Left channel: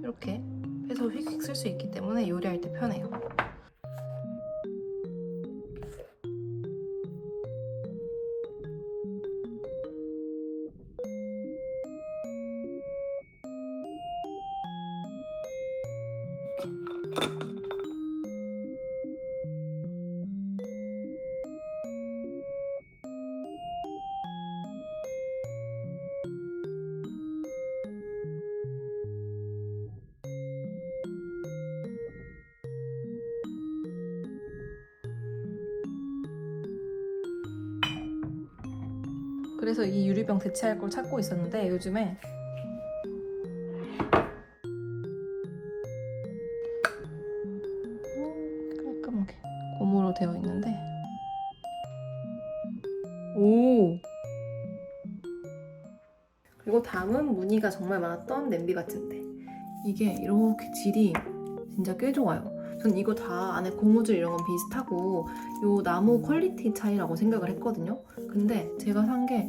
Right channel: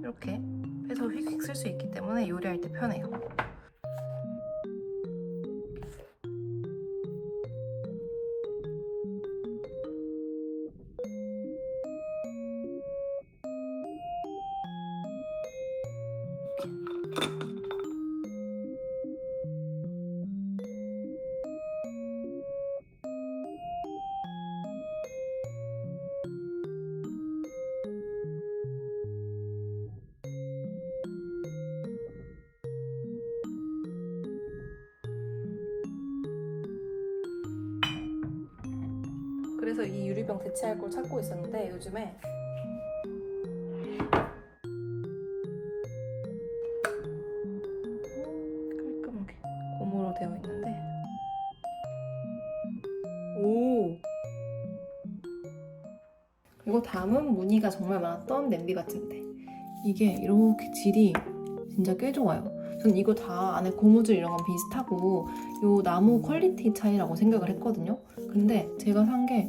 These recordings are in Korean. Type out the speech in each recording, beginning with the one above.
이렇게 해서 휙휙 쓸 수 있기 때문에 요리할 때 편해요. 그래서 이 유리병 대체할 걸 찾고 있었는데 요즘에 깔끔하게 고무로 되어 있는데 오! 그리고 다음은 무늬가 정말 많았던 냄비 받침대. 이게 이렇게 질이 진짜 꽤 좋아요. 전 이거 다 안에 고무줄 이런 건 비슷하고 요 나무 퀄리티 차이라고 생각을 했거든요. 근데 제가 산 게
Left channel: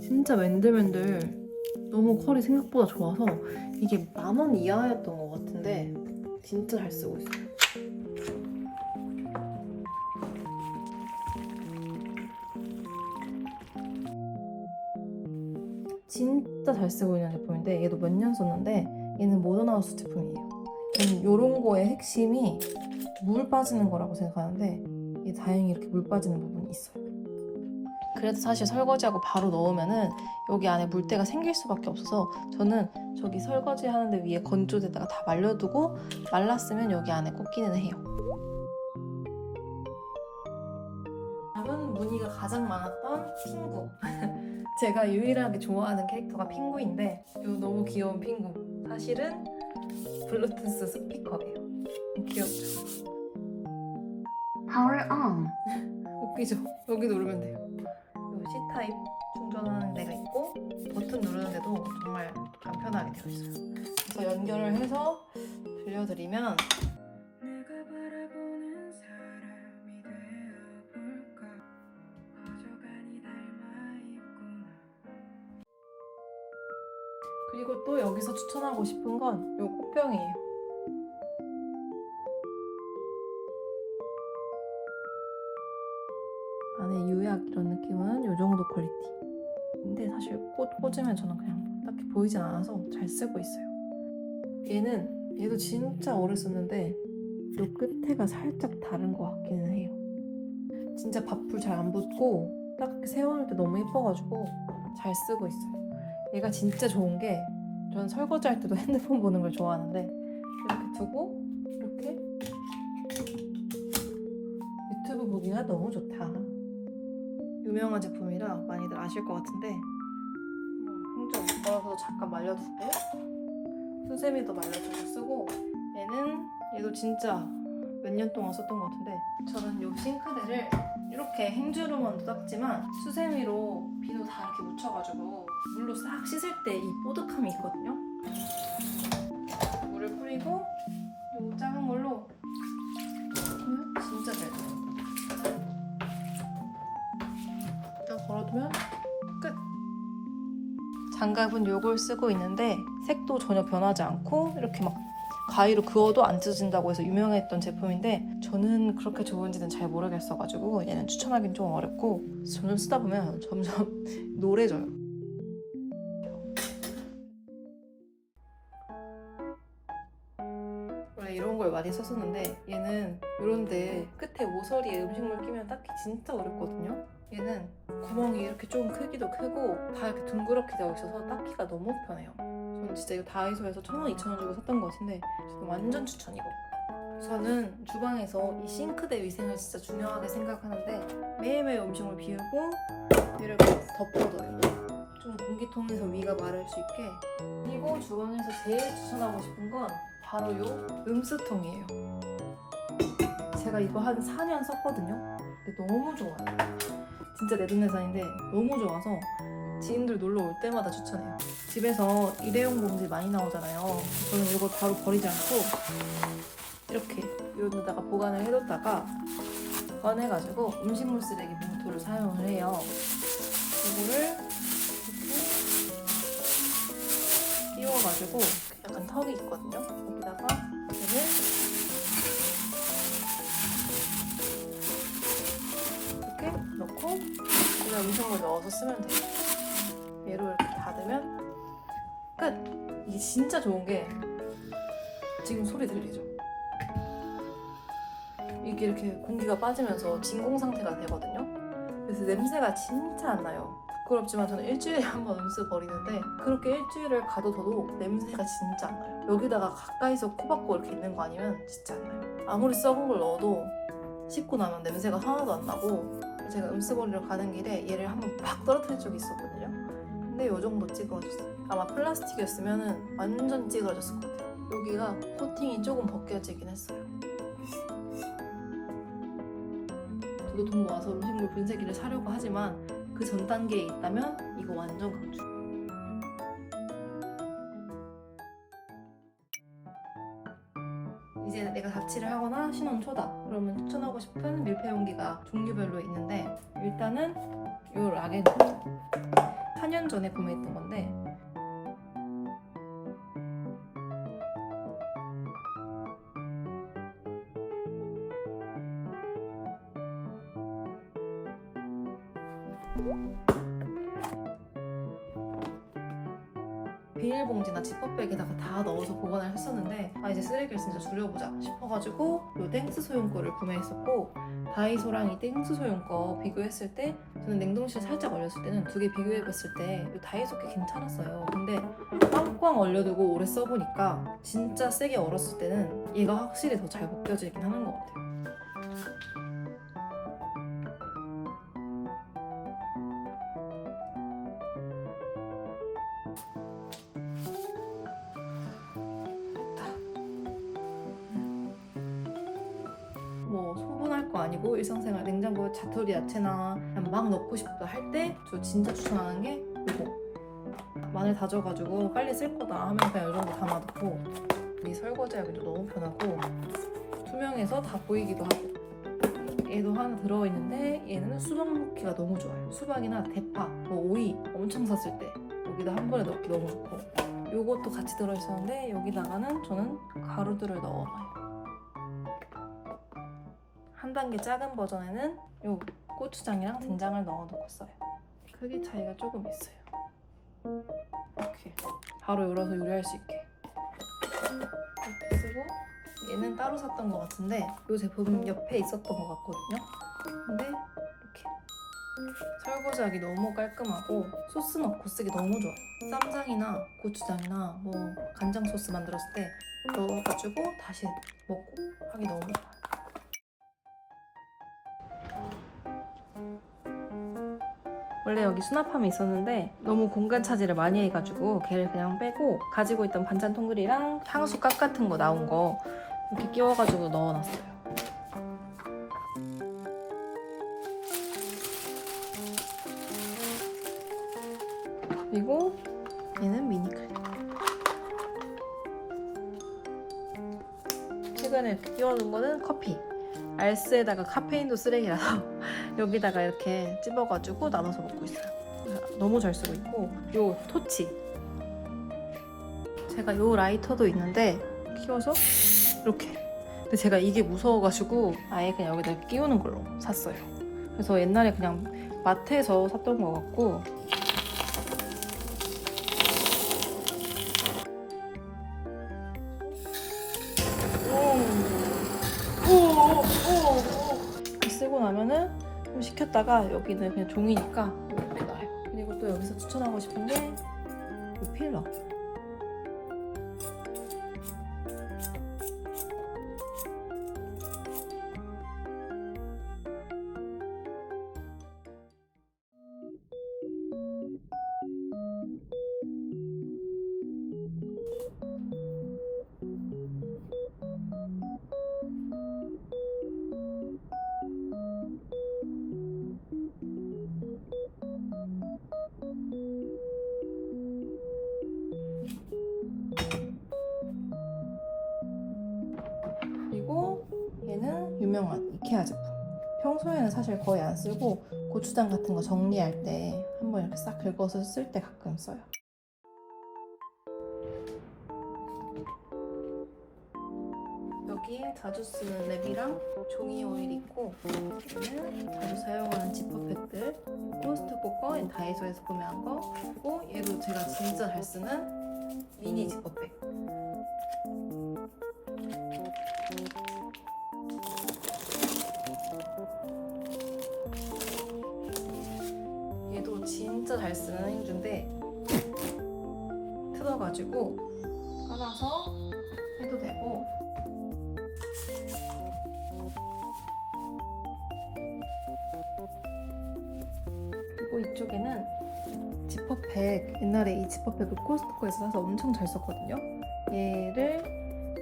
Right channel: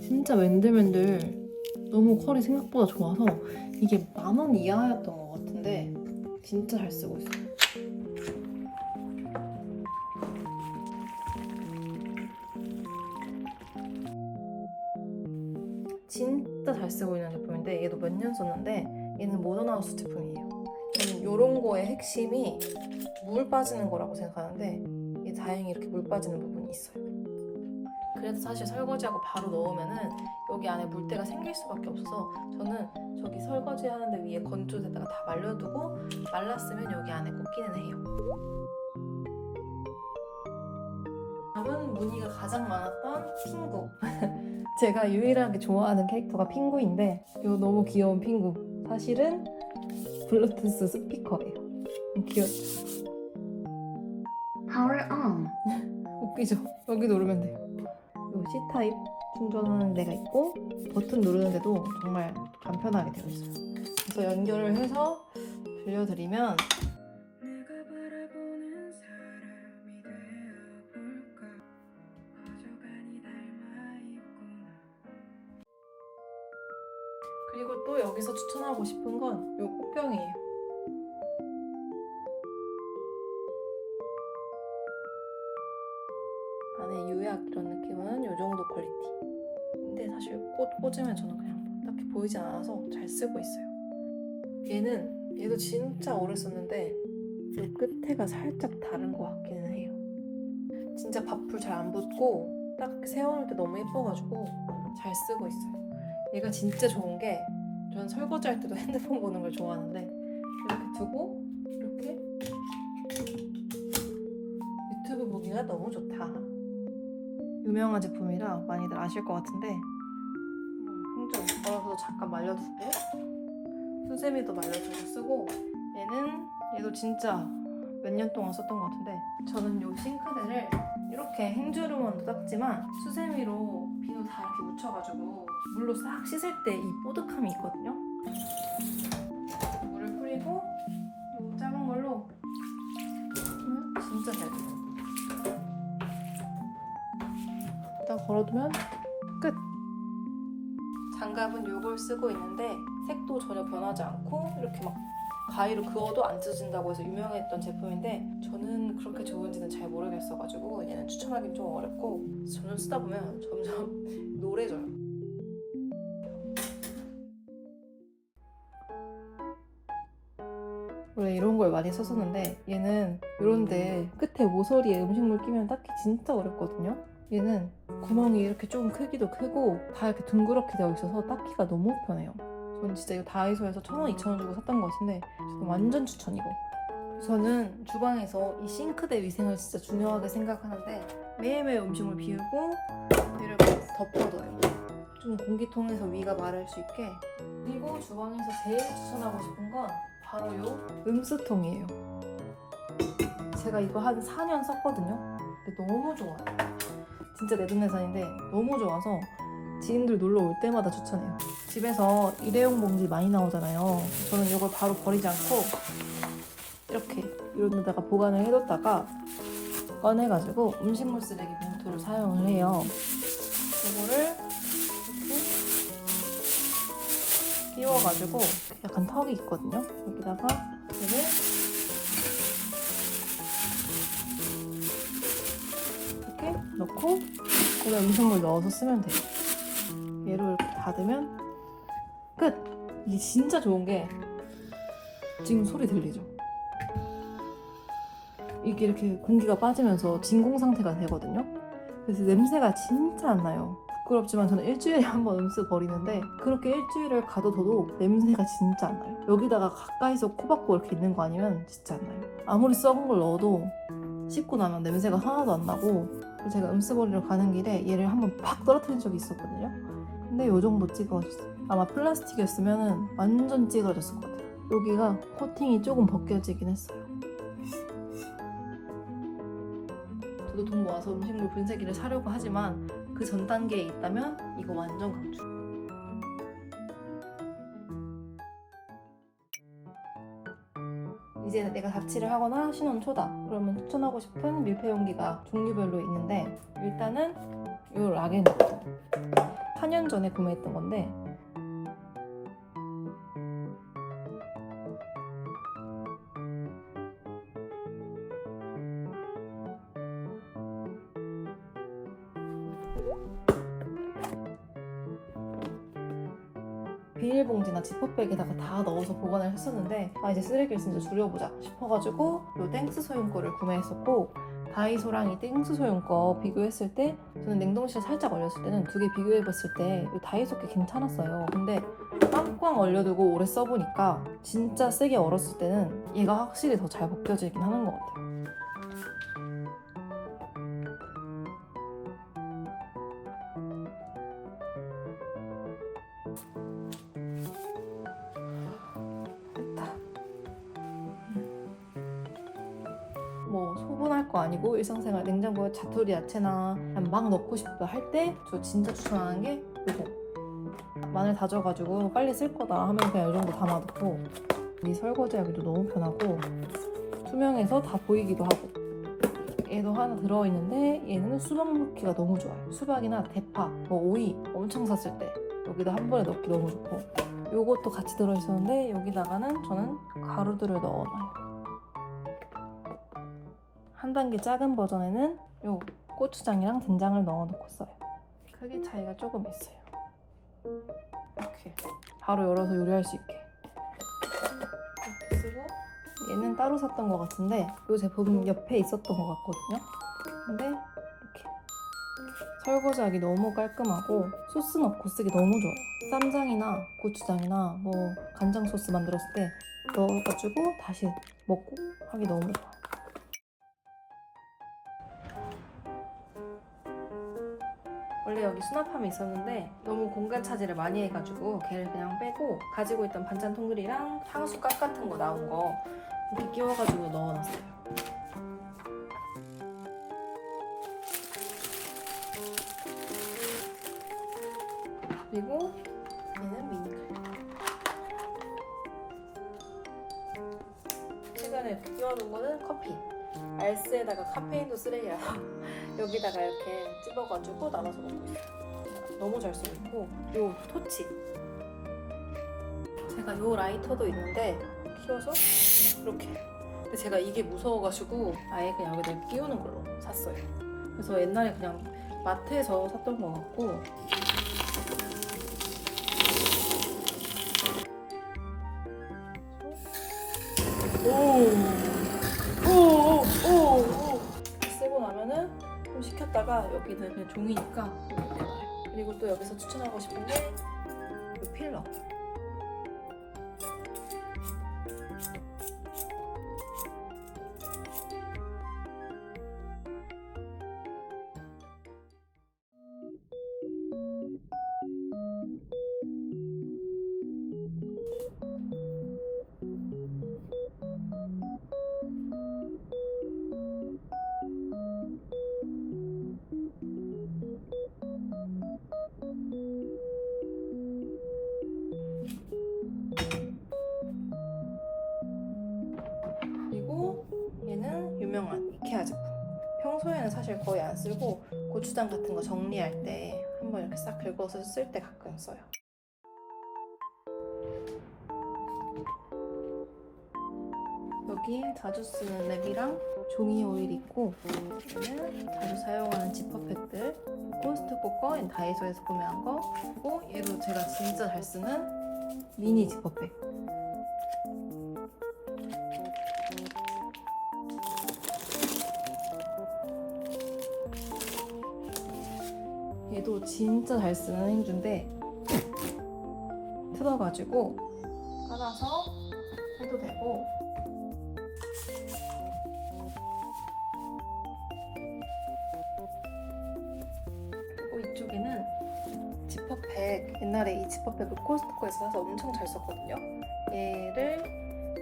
진짜 맨들맨들 너무 퀄이 생각보다 좋아서 이게 10,000원 이하였던 것 같은데 진짜 잘 쓰고 있어요. 진짜 잘 쓰고 있는 제품인데 얘도 몇 년 썼는데 얘는 모던하우스 제품이에요. 이런 거의 핵심이 물 빠지는 거라고 생각하는데 이게 다행히 이렇게 물 빠지는 부분이 있어요. 그래도 사실 설거지하고 바로 넣으면은 여기 안에 물때가 생길 수밖에 없어서 저는 저기 설거지 하는데 위에 건조대다가 다 말려두고 말랐으면 여기 안에 꽂기는 해요. 다음은 무늬가 가장 많았던 핑구. 제가 유일하게 좋아하는 캐릭터가 핑구인데 이 너무 귀여운 핑구. 사실은 블루투스 스피커예요. 귀엽죠? Power on. 웃기죠? 여기 누르면 돼요. 이 C타입 충전하는 데가 있고 버튼 누르는데도 정말 간편하게 되어 있어요. 그래서 연결을 해서 들려드리면 그리고 또 여기서 추천하고 싶은 건 이 꽃병이에요. 안에 유약 이런 느낌은 이 정도 퀄리티. 근데 사실 꽃 꽂으면 저는 그냥 딱히 보이지 않아서 잘 쓰고 있어요. 얘도 진짜 오래 썼는데 이 끝에가 살짝 다른 것 같기는 해요. 진짜 밥풀 잘 안 붙고 딱 세워놓을 때 너무 예뻐가지고 잘 쓰고 있어요. 얘가 진짜 좋은 게 저는 설거지 할 때도 핸드폰 보는 걸 좋아하는데 이렇게 두고 이렇게 유튜브 보기가 너무 좋다. 유명한 제품이라 많이들 아실 것 같은데 행정 걸어서 잠깐 말려두고 수세미도 말려두고 쓰고 얘도 진짜 몇 년 동안 썼던 것 같은데 저는 이 싱크대를 이렇게 행주로만도 닦지만 수세미로 비누 다 이렇게 묻혀가지고 물로 싹 씻을 때 이 뽀득함이 있거든요. 물을 뿌리고 이 작은 걸로 보면 진짜 잘 돼요. 딱 걸어두면 끝! 장갑은 이걸 쓰고 있는데 색도 전혀 변하지 않고 이렇게 막 가위로 그어도 안 찢어진다고 해서 유명했던 제품인데 저는 그렇게 좋은지는 잘 모르겠어가지고 얘는 추천하기는 좀 어렵고 점점 쓰다 보면 점점 노래져요. 원래 이런 걸 많이 썼었는데 얘는 이런데 끝에 모서리에 음식물 끼면 닦기 진짜 어렵거든요. 얘는 구멍이 이렇게 좀 크기도 크고 다 이렇게 둥그렇게 되어 있어서 닦기가 너무 편해요. 저는 진짜 이거 다이소에서 1,000원, 2,000원 주고 샀던 것 같은데 저는 완전 추천이고. 저는 주방에서 이 싱크대 위생을 진짜 중요하게 생각하는데 매일매일 음식물 비우고 얘를 덮어둬요. 좀 공기통에서 위가 마를 수 있게. 그리고 주방에서 제일 추천하고 싶은 건 바로 요 음수통이에요. 제가 이거 한 4년 썼거든요. 근데 너무 좋아요. 진짜 내돈내산인데 너무 좋아서 지인들 놀러 올 때마다 추천해요. 집에서 일회용 봉지 많이 나오잖아요. 저는 이걸 바로 버리지 않고 이렇게 이런 데다가 보관을 해뒀다가 꺼내가지고 음식물 쓰레기 봉투를 사용을 해요. 이거를 이렇게 끼워가지고 약간 턱이 있거든요. 여기다가 얘를 이렇게 넣고 제가 음식물 넣어서 쓰면 돼요. 얘를 이렇게 닫으면 끝! 이게 진짜 좋은 게 지금 소리 들리죠? 이게 이렇게 공기가 빠지면서 진공 상태가 되거든요. 그래서 냄새가 진짜 안 나요. 부끄럽지만 저는 일주일에 한 번 음수 버리는데 그렇게 일주일을 가둬둬도 냄새가 진짜 안 나요. 여기다가 가까이서 코박고 이렇게 있는 거 아니면 진짜 안 나요. 아무리 썩은 걸 넣어도 씻고 나면 냄새가 하나도 안 나고. 제가 음수 버리러 가는 길에 얘를 한번 팍 떨어뜨린 적이 있었거든요. 근데 이 정도 찌그러졌어요. 아마 플라스틱이었으면 완전 찌그러졌을 것 같아요. 여기가 코팅이 조금 벗겨지긴 했어요. 저도 돈 모아서 음식물 분쇄기를 사려고 하지만 그 전 단계에 있다면 이거 완전 강추. 이제 내가 자취를 하거나 신혼 초다 그러면 추천하고 싶은 밀폐 용기가 종류별로 있는데 일단은 이 락앤 4년 전에 구매했던 건데 비닐봉지나 지퍼백에다가 다 넣어서 보관을 했었는데 이제 쓰레기를 진짜 줄여보자 싶어가지고 요 땡스 소형 거를 구매했었고 다이소랑 이 땡스 소형 거 비교했을 때 저는 냉동실에 살짝 얼렸을 때는 두 개 비교해봤을 때 요 다이소 게 괜찮았어요. 근데 꽝꽝 얼려두고 오래 써보니까 진짜 세게 얼었을 때는 얘가 확실히 더 잘 벗겨지긴 하는 것 같아요. 뭐 소분할 거 아니고 일상생활 냉장고에 자투리 야채나 그냥 막 넣고 싶다 할 때 저 진짜 추천하는 게 이거. 마늘 다져가지고 빨리 쓸 거다 하면 그냥 이런 거 담아놓고 이 설거지하기도 너무 편하고 투명해서 다 보이기도 하고. 얘도 하나 들어있는데 얘는 수박 넣기가 너무 좋아요. 수박이나 대파, 뭐 오이 엄청 샀을 때 여기다 한 번에 넣기 너무 좋고 요것도 같이 들어있었는데 여기다가는 저는 가루들을 넣어놔요. 한 단계 작은 버전에는 요 고추장이랑 된장을 넣어놓고 써요. 크기 차이가 조금 있어요. 이렇게 바로 열어서 요리할 수 있게 이렇게 쓰고 얘는 따로 샀던 것 같은데 이 제품 옆에 있었던 것 같거든요. 근데 이렇게 설거지하기 너무 깔끔하고 소스 넣고 쓰기 너무 좋아요. 쌈장이나 고추장이나 뭐 간장 소스 만들었을 때 넣어가지고 다시 먹고 하기 너무 좋아요. 원래 여기 수납함이 있었는데 너무 공간 차지를 많이 해가지고 걔를 그냥 빼고 가지고 있던 반찬 통그리랑 향수 깍 같은 거 나온 거 이렇게 끼워가지고 넣어놨어요. 그리고 얘는 미니칼. 최근에 이렇게 끼워놓은 거는 커피. 알스에다가 카페인도 쓰레기라서 여기다가 이렇게 찝어가지고 나눠서 먹고 있어요. 너무 잘 쓰고 있고 요 토치 제가 요 라이터도 있는데 키워서 이렇게 근데 제가 이게 무서워가지고 아예 그냥 여기다 이렇게 끼우는 걸로 샀어요. 그래서 옛날에 그냥 마트에서 샀던 거 같고 쓰고 나면은 좀 식혔다가 여기는 그냥 종이니까 빼버려. 그리고 또 여기서 추천하고 싶은 게 이 필러. 그리고 얘는 유명한 이케아 제품. 평소에는 사실 거의 안 쓰고 고추장 같은 거 정리할 때 한번 이렇게 싹 긁어서 쓸 때 가끔 써요. 여기 자주 쓰는 랩이랑 종이 오일 있고, 얘는 자주 사용하는 지퍼백들, 코스트코 거, 다이소에서 구매한 거, 그리고 얘도 제가 진짜 잘 쓰는 미니 지퍼백. 얘도 진짜 잘 쓰는 행주인데 뜯어가지고 깔아서 해도 되고, 그리고 이쪽에는 지퍼백, 옛날에 이 지퍼백을 코스트코에서 사서 엄청 잘 썼거든요. 얘를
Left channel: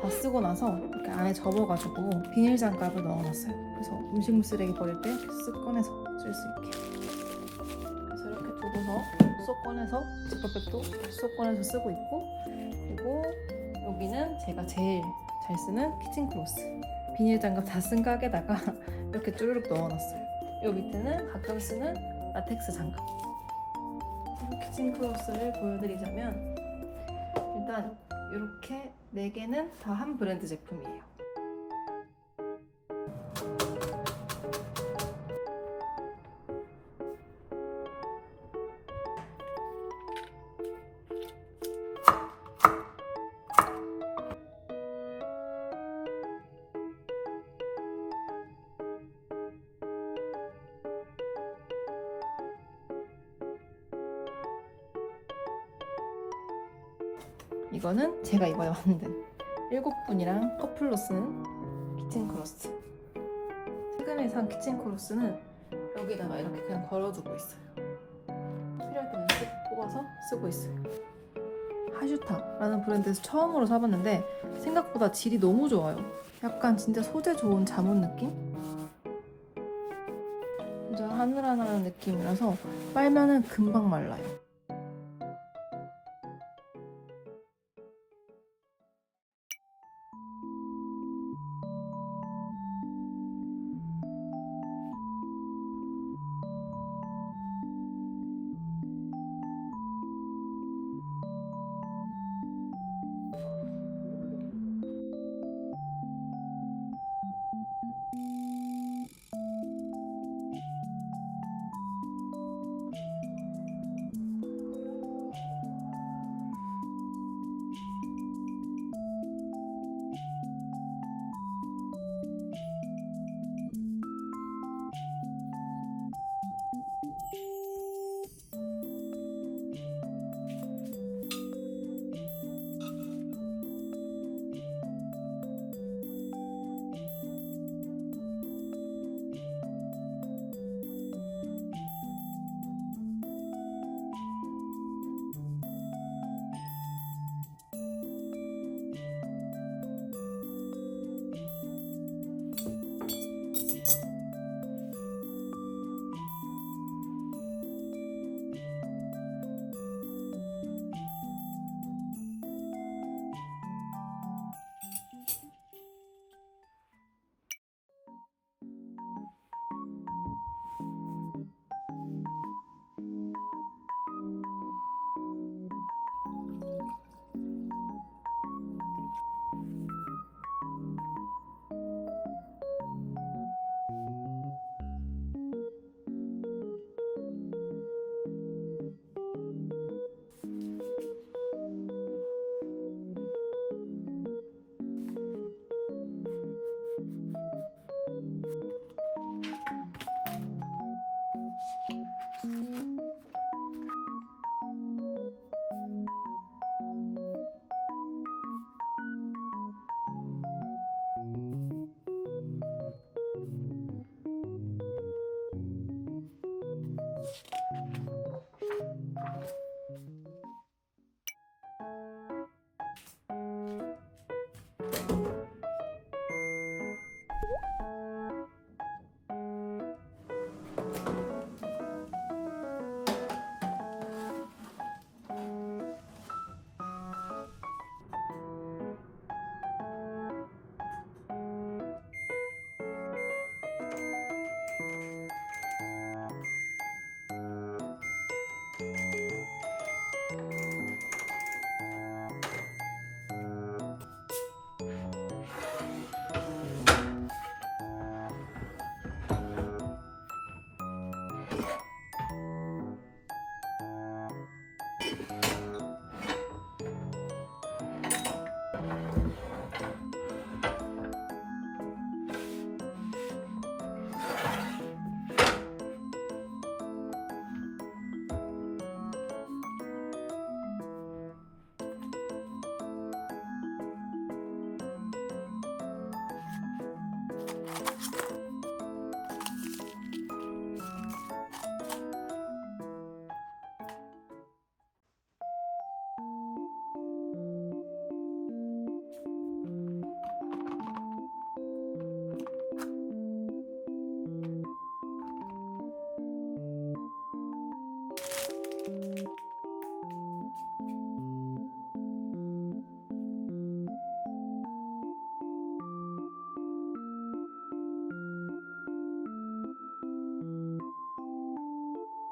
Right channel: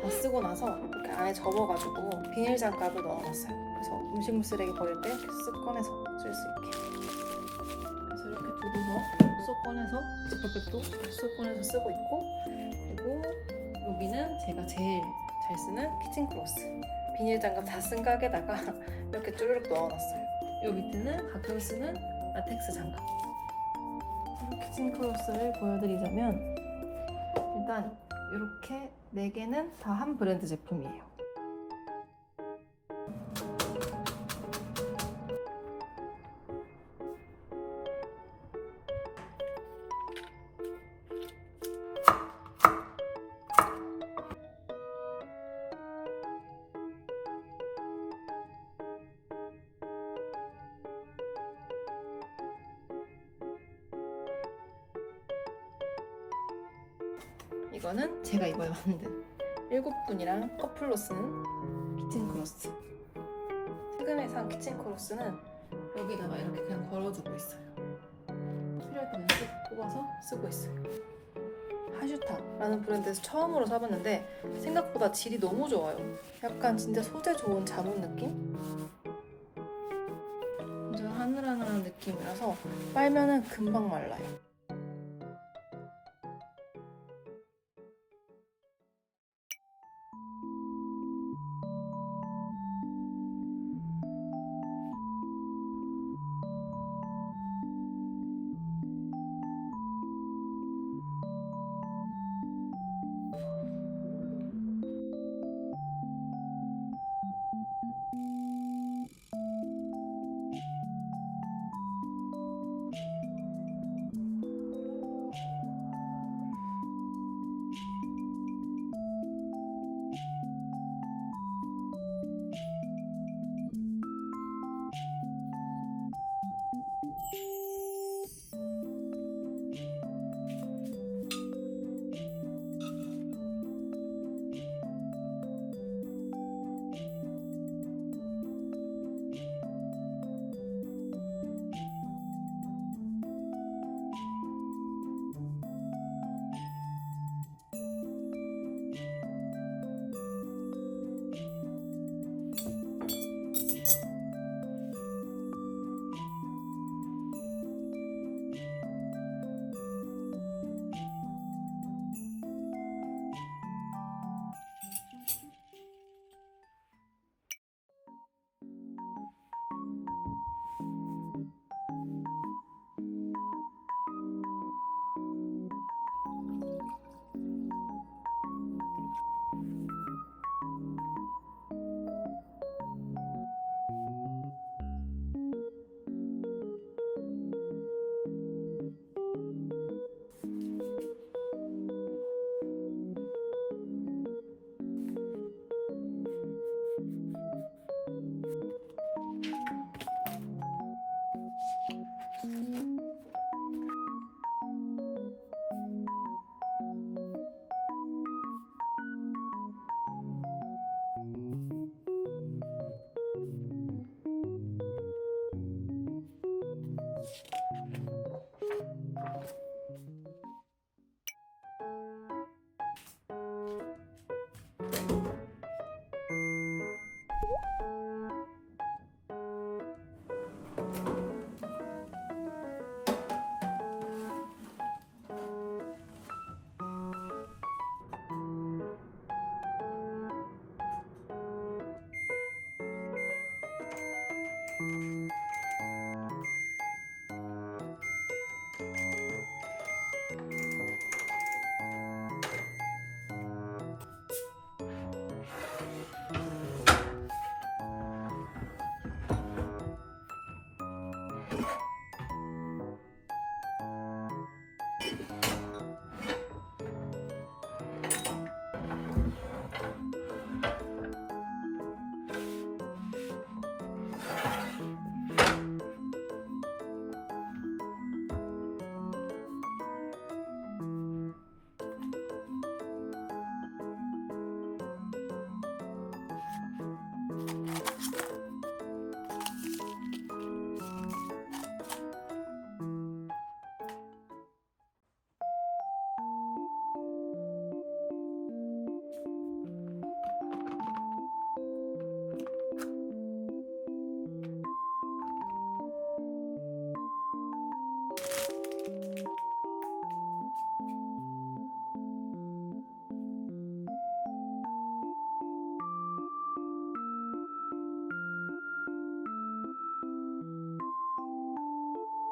다 쓰고 나서 이렇게 안에 접어가지고 비닐 장갑을 넣어놨어요. 그래서 음식물 쓰레기 버릴 때 쓱 꺼내서 쓸 수 있게. 그래서 이렇게 두고서 쏙 꺼내서 지퍼백도 쏙 꺼내서 쓰고 있고, 그리고 여기는 제가 제일 잘 쓰는 키친크로스. 비닐 장갑 다 쓴 깍에다가 이렇게 쭈르륵 넣어놨어요. 이 밑에는 가끔 쓰는 라텍스 장갑. 키친크로스를 보여드리자면, 일단 이렇게 4개는 다 한 브랜드 제품이에요. 이거는 제가 이번에 만든 7분이랑 커플로 쓰는 키친크로스. 최근에 산 키친크로스는 여기다가 이렇게 그냥 걸어두고 있어요. 필요할 때만 쓱 뽑아서 쓰고 있어요. 하슈타라는 브랜드에서 처음으로 사봤는데 생각보다 질이 너무 좋아요. 약간 진짜 소재 좋은 자문 느낌? 진짜 하늘하늘한 느낌이라서 빨면은 금방 말라요.